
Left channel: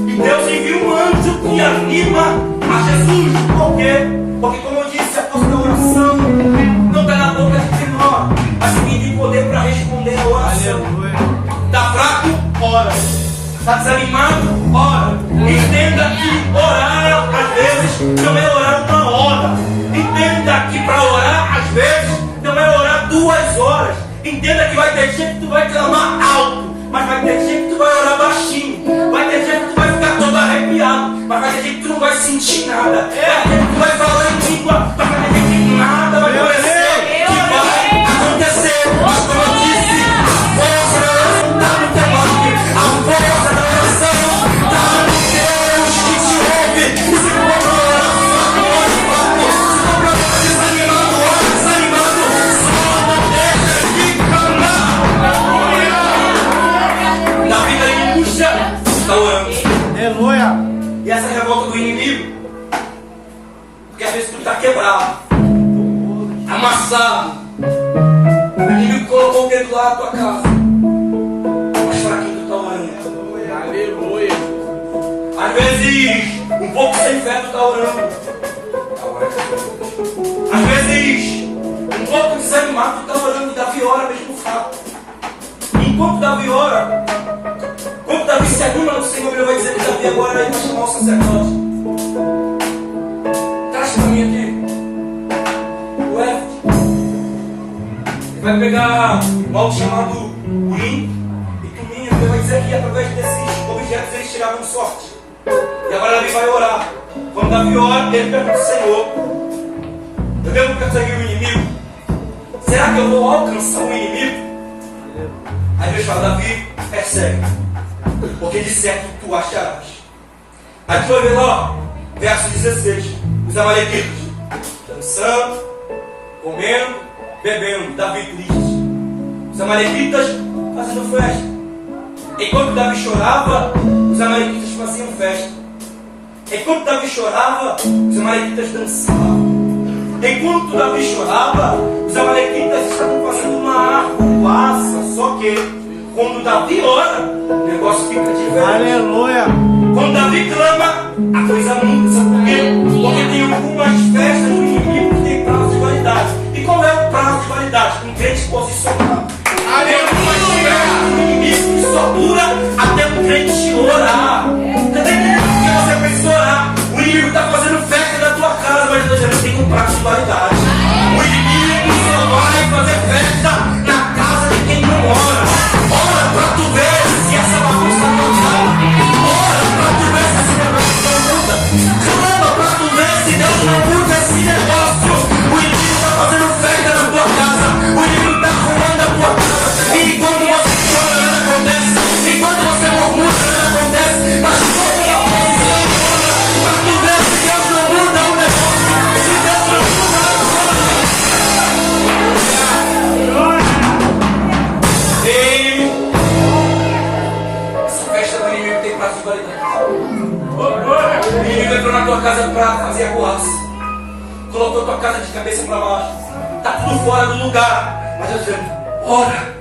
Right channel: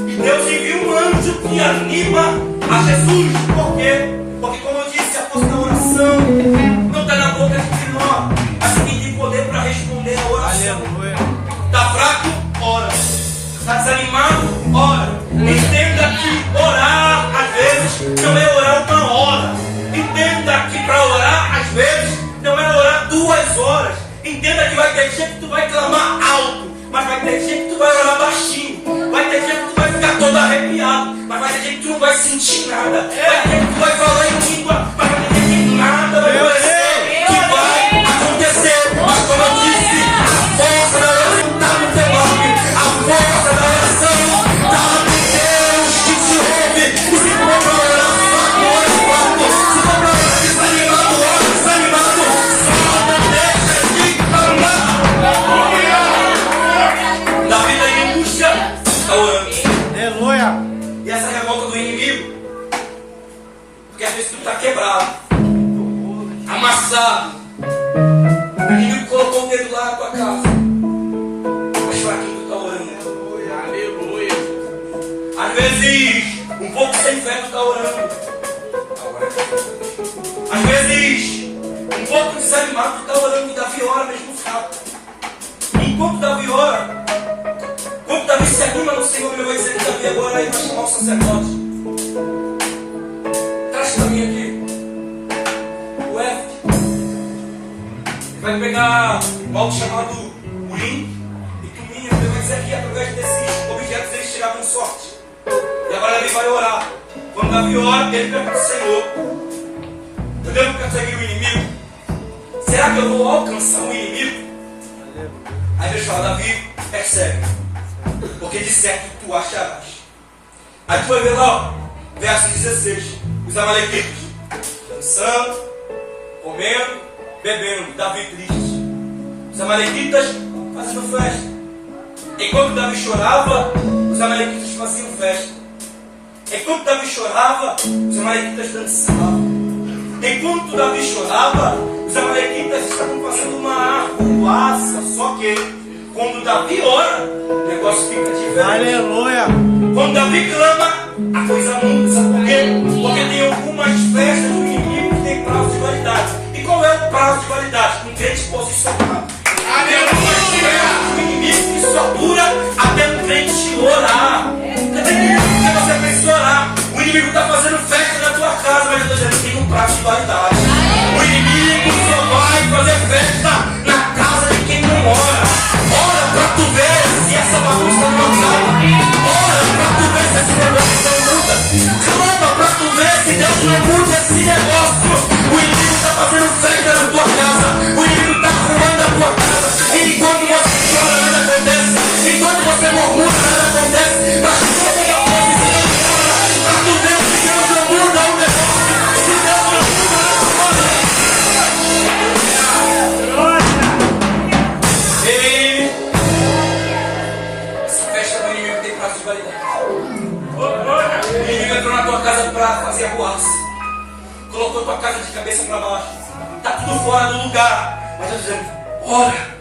E Deus envia um anjo que anima a Jesus. Por quê? Porque, como eu disse, a força da oração não está na boca de quem ora, mas quem tem poder para responder a oração. Está fraco? Ora. Está desanimado? Ora. Entenda que orar, às vezes, não é orar uma hora. Entenda que para orar, às vezes, não é orar 2 horas. Entenda que vai ter dia que tu vai clamar alto, mas vai ter dia que tu vai orar baixinho. Vai ter dia que tu vai ficar todo arrepiado, mas vai ter dia que tu não vai sentir nada. Vai ter dia que tu vai falar em língua, mas vai ter dia que nada vai acontecer. Que vai acontecer. Mas como eu disse, a força da oração está no teu nome. A força da oração está no Deus que te ouve. E se for para orar, ora, se for para orar desanimado, ora desanimado. Só não deixa de clamar. Na vida em angústia, está orando. Aleluia! E essa revolta do inimigo, porque às vezes tu está quebrado, amassado, o inimigo colocou o dedo lá na tua casa, mas para quem tu está orando? Aleluia! Às vezes, um pouco sem fé tu está orando. Às vezes, um pouco desanimado tu está orando. Davi ora mesmo fraco. Enquanto Davi ora, quando Davi se anima no Senhor, ele vai dizer que Davi agora vai chamar o sacerdote. Traz para mim aqui o Éfode. Ele vai pegar um algo chamado Urim e Tumim. Ele vai dizer que através desses objetos eles tiravam sorte. E agora Davi vai orar. Quando Davi ora, ele pergunta ao Senhor: eu devo perseguir o inimigo? Será que eu vou alcançar o inimigo? Aí Deus fala: Davi, persegue, porque de certo tu acharás. Aí tu vai ver lá, verso 16, os amalequitas dançando, comendo, bebendo, Davi triste. Os amalequitas fazendo festa. Enquanto Davi chorava, os amalequitas faziam festa. Enquanto Davi chorava, os amalequitas dançavam. Enquanto Davi chorava, os amalequitas estavam fazendo uma arruaça. Só que quando Davi ora, o negócio fica diferente. Aleluia! Quando Davi clama, a coisa muda. Sabe por quê? Porque tem algumas festas do inimigo que tem prazo de validade. E qual é o prazo de validade? Um crente posicionado. Aleluia! O inimigo só dura até um crente orar. Você está entendendo porque você precisa orar? O inimigo está fazendo festa na tua casa, mas eu já não tem um prazo de validade. O inimigo só vai fazer festa na casa de quem não ora. Ora pra tu ver se essa bagunça não acaba. Ora pra tu ver se esse negócio não muda. Clama pra tu ver se Deus não muda esse negócio. O inimigo está fazendo festa na tua casa. O inimigo está arrumando a tua casa. E enquanto você chora, nada acontece. Enquanto você murmura, nada acontece. Mas quando é uma visão, pra tu ver se Deus não muda o negócio. Se Deus não muda o negócio. Ei, essa festa do inimigo tem prazo de validade. O inimigo entrou na tua casa para fazer a boaça. Colocou tua casa de cabeça para baixo. Está tudo fora do lugar. Mas eu dizendo, ora.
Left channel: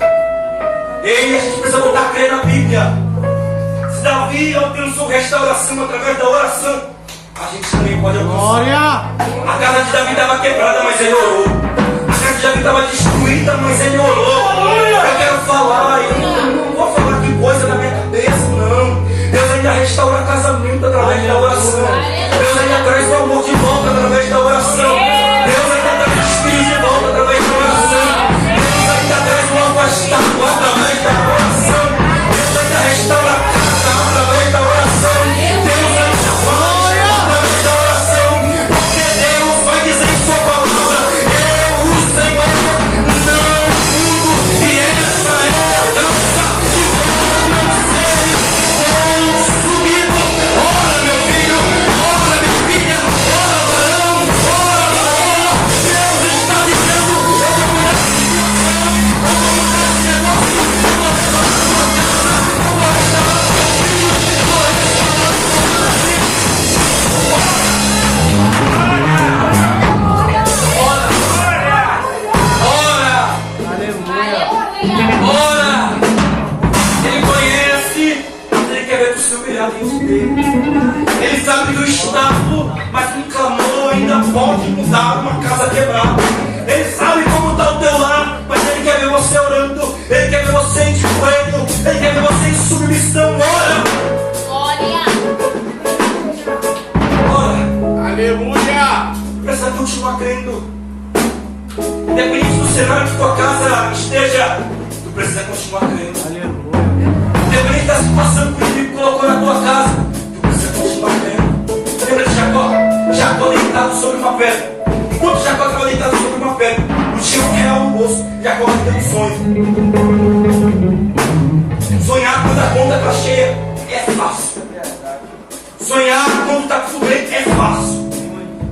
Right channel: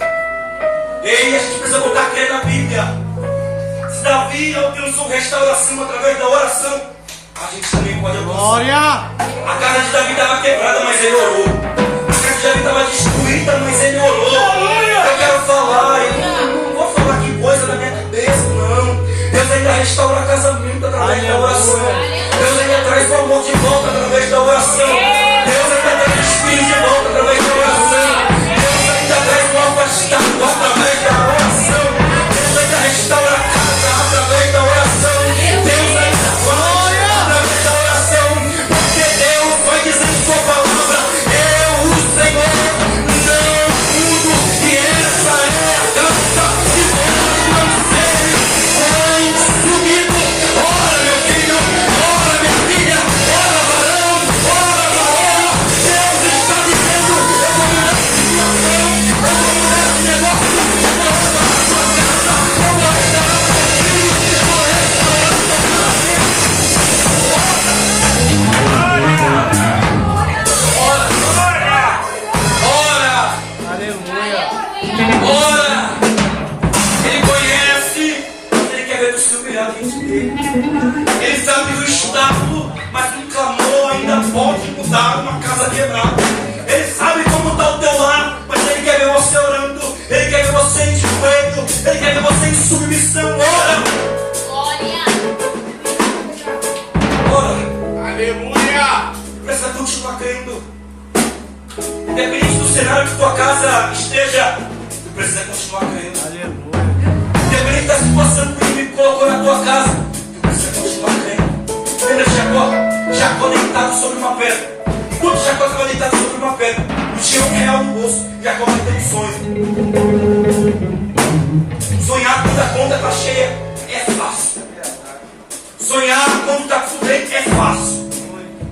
Ei, a gente precisa voltar a crer na Bíblia. Se Davi alcançou restauração através da oração, a gente também pode alcançar. Glória. A casa de Davi estava quebrada, mas ele orou. A casa de Davi estava destruída, mas ele orou. Eu quero falar, eu não vou falar que coisa na minha cabeça, não. Deus ainda restaura casamento através da oração. Deus ainda traz o amor de volta através da oração. Deus ainda traz os filhos de volta através da oração. Deus ainda traz o afastado através da oração. Deus ainda restaura a casa através da oração. Deus ainda faz através da oração. Porque Deus vai dizer em sua palavra: eu, o Senhor, não mudo. E essa é a dança que vós não seres consumido. Ora, meu filho, ora, minha filha, ora, varão, ora, varoa. Deus está dizendo: eu vou mudar a situação, eu vou mudar esse negócio, eu vou restaurar a sua casa, eu vou restaurar o seu filho, eu vou restaurar a sua Ora! Ele conhece, mas ele quer ver o seu brilhar diante dele. Ele sabe do estado, mas um clamor ainda pode mudar uma casa quebrada. Ele sabe como está o teu lar, mas ele quer ver você orando. Ele quer ver você em joelho. Ele quer ver você em submissão. Ora! Ora! Aleluia. Precisa continuar crendo. Independente do cenário que tua casa esteja, tu precisa continuar crendo. Independente da situação que o inimigo colocou na tua casa, tu precisa continuar crendo. Lembra de Jacó? Jacó deitado sobre uma pedra. Enquanto Jacó estava deitado sobre uma pedra, não tinha um real no bolso. Jacó vai ter um sonho. Sonhar quando a conta está cheia é fácil. Sonhar quando está tudo bem é fácil.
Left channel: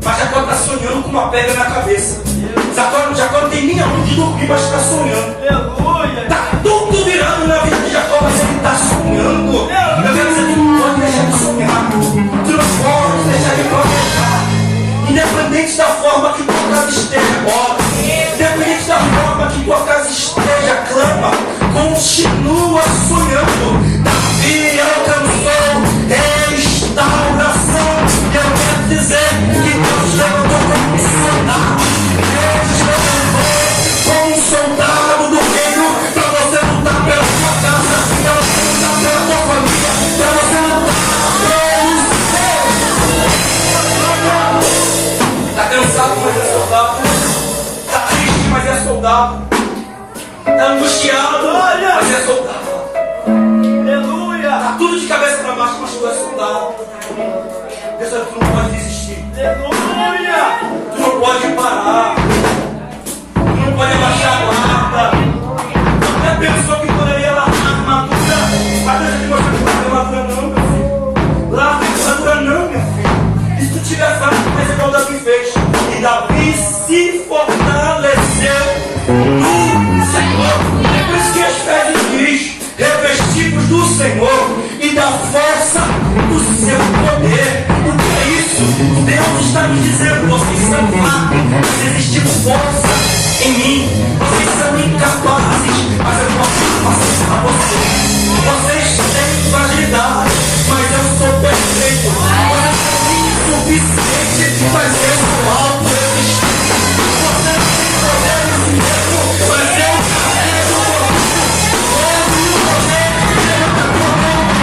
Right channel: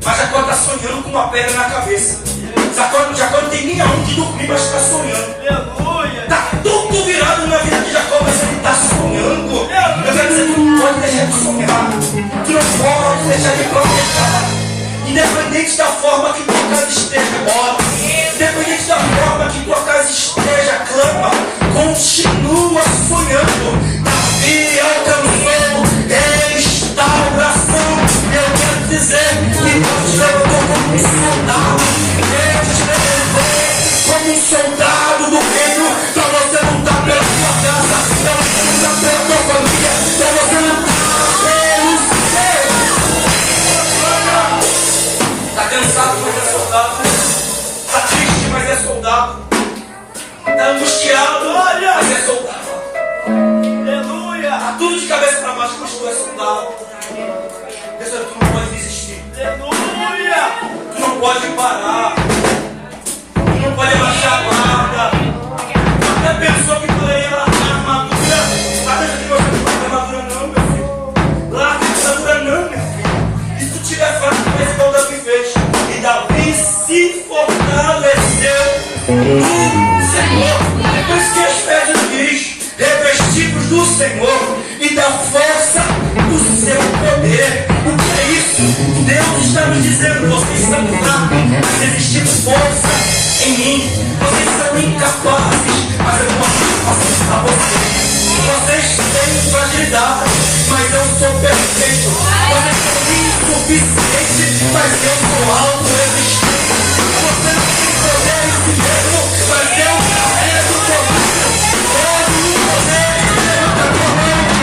Mas Jacó está sonhando com uma pedra na cabeça. Jacó não tem nem aonde dormir, mas está sonhando. Está tudo virado na vida de Jacó, mas ele está sonhando. Eu quero dizer que não pode deixar de sonhar. Tu não pode deixar de planejar. Independente da forma que tua casa esteja agora, independente da forma que tua casa esteja, clama, continua sonhando. Davi alcançou restauração. Eu quero dizer que Deus levantou como um soldado. Deus te levantou como um soldado do reino, para você lutar pela sua casa, para você lutar pela tua família, para você lutar pelo seu. Está cansado, mas é soldado. Está triste, mas é soldado. Está angustiado, mas é soldado. Aleluia! Está tudo de cabeça para baixo, mas tu é soldado. Pessoal, tu não pode desistir. Aleluia! Tu não pode parar. Tu não pode baixar a guarda. Até pensou que poderia largar a armadura. Mas deixa que você não larga a armadura não, meu filho. Larga a armadura não, meu filho. E se tu tiver fraco, faz igual Davi fez. E Davi se fortaleceu no Senhor. É por isso que as pedras diz: revestidos do Senhor e da força do seu poder. O que é isso? Deus está me dizendo: vocês são fracos, mas existe força em mim. Vocês são incapazes, mas eu posso capacitar vocês. Vocês têm fragilidade, mas eu sou perfeito. Vocês são insuficientes, mas eu sou autoexistente. Vocês têm poder em si mesmo, mas eu carrego o poder. Todo o poder levanta a tua mão.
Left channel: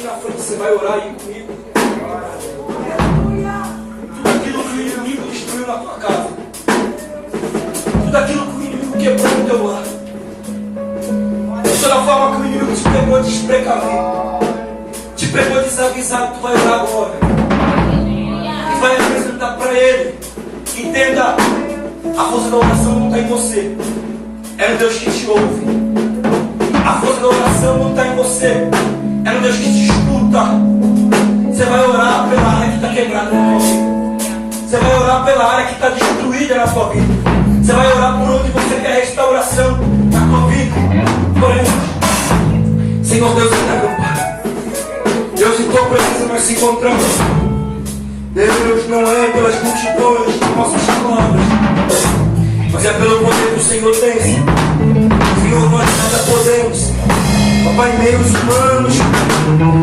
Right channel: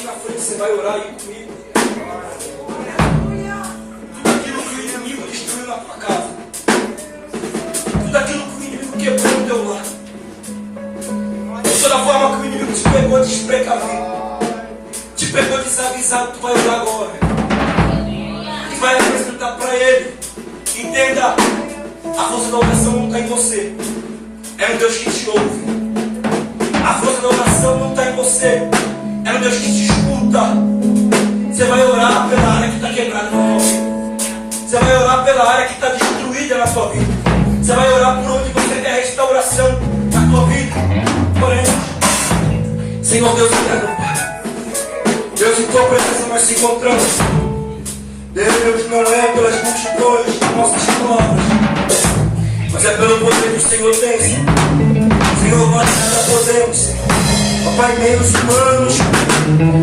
aqui na frente, você vai orar aí comigo. Tudo aquilo que o inimigo destruiu na tua casa. Tudo aquilo que o inimigo quebrou no teu lar. De toda forma que o inimigo te pegou desprecavido, te pegou desavisado, tu vai orar agora. Tu vai apresentar para ele. Entenda, a força da oração não está em você. É o Deus que te ouve. A força da oração não está em você. É o Deus que te escuta. Você vai orar pela área que está quebrada na tua vida. Você vai orar pela área que está destruída na tua vida. Você vai orar por onde você quer restauração na tua vida. Porém, Senhor Deus eterno, Pai, Deus, em tua presença nós se encontramos. Deus, não é pelas multidões de nossas palavras, mas é pelo poder que o Senhor tem. Senhor, nós nada podemos. Papai, meios humanos,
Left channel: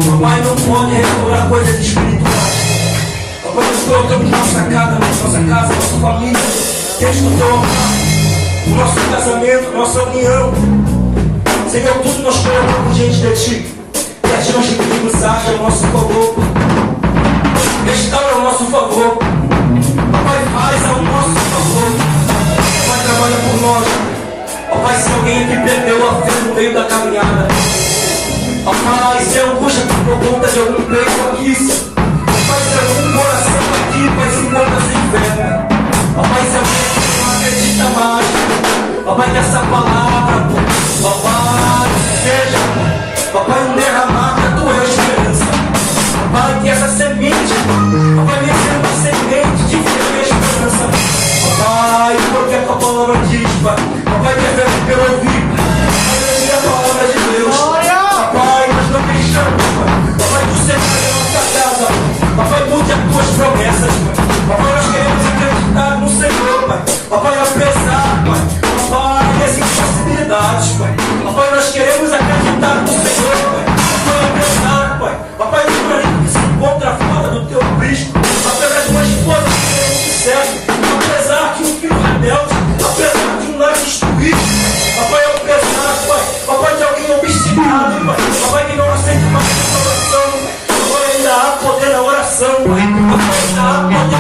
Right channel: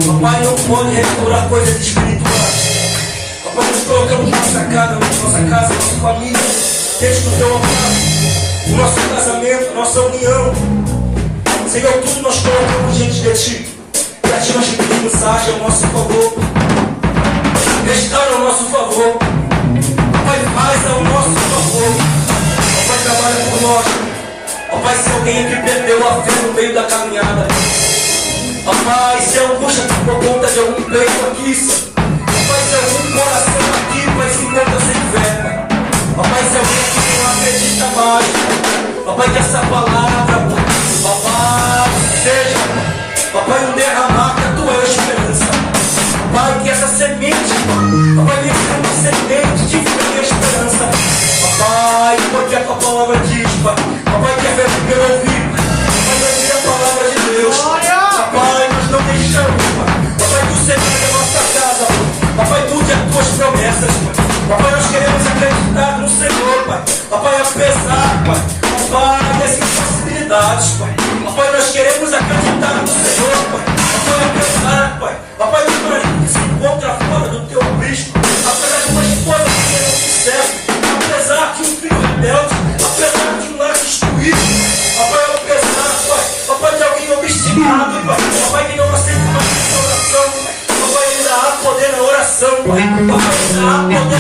papai, não pode restaurar coisas espirituais. Papai, nós colocamos nossa casa, nossa família, desde o teu amor, o nosso casamento, nossa união. Senhor, tudo nós colocamos diante de ti. E a ti nós te pedimos, haja ao nosso favor. Restaura ao nosso favor. Papai, faz ao nosso favor. Papai, trabalha por nós. Papai, se alguém aqui perdeu a fé no meio da caminhada, papai, se a angústia tomou conta de algum peito aqui, papai, se algum coração aqui, Pai, se encontra sem fé, papai, se alguém aqui não acredita mais, papai, que essa palavra, papai, seja, papai, um derramar da tua esperança, papai, que essa semente, papai, que seja uma semente de fé e esperança, papai, porque a tua palavra diz, papai, que é feito pelo ouvido, papai, que é a palavra de Deus, papai, nós não deixamos, papai, tu sempre em nossa casa, papai, mude as tuas promessas, papai, nós queremos acreditar no Senhor, papai, apesar, papai, das impossibilidades, papai, nós queremos acreditar no Senhor, papai, apesar, papai, do marido que se encontra fora do teu aprisco, apesar de uma esposa que não te serve, apesar que um filho rebelde, apesar de um lar destruído, papai, apesar, papai, de alguém obstinado, papai, que não aceita mais a oração, papai, ainda há poder na oração, papai, ainda há poder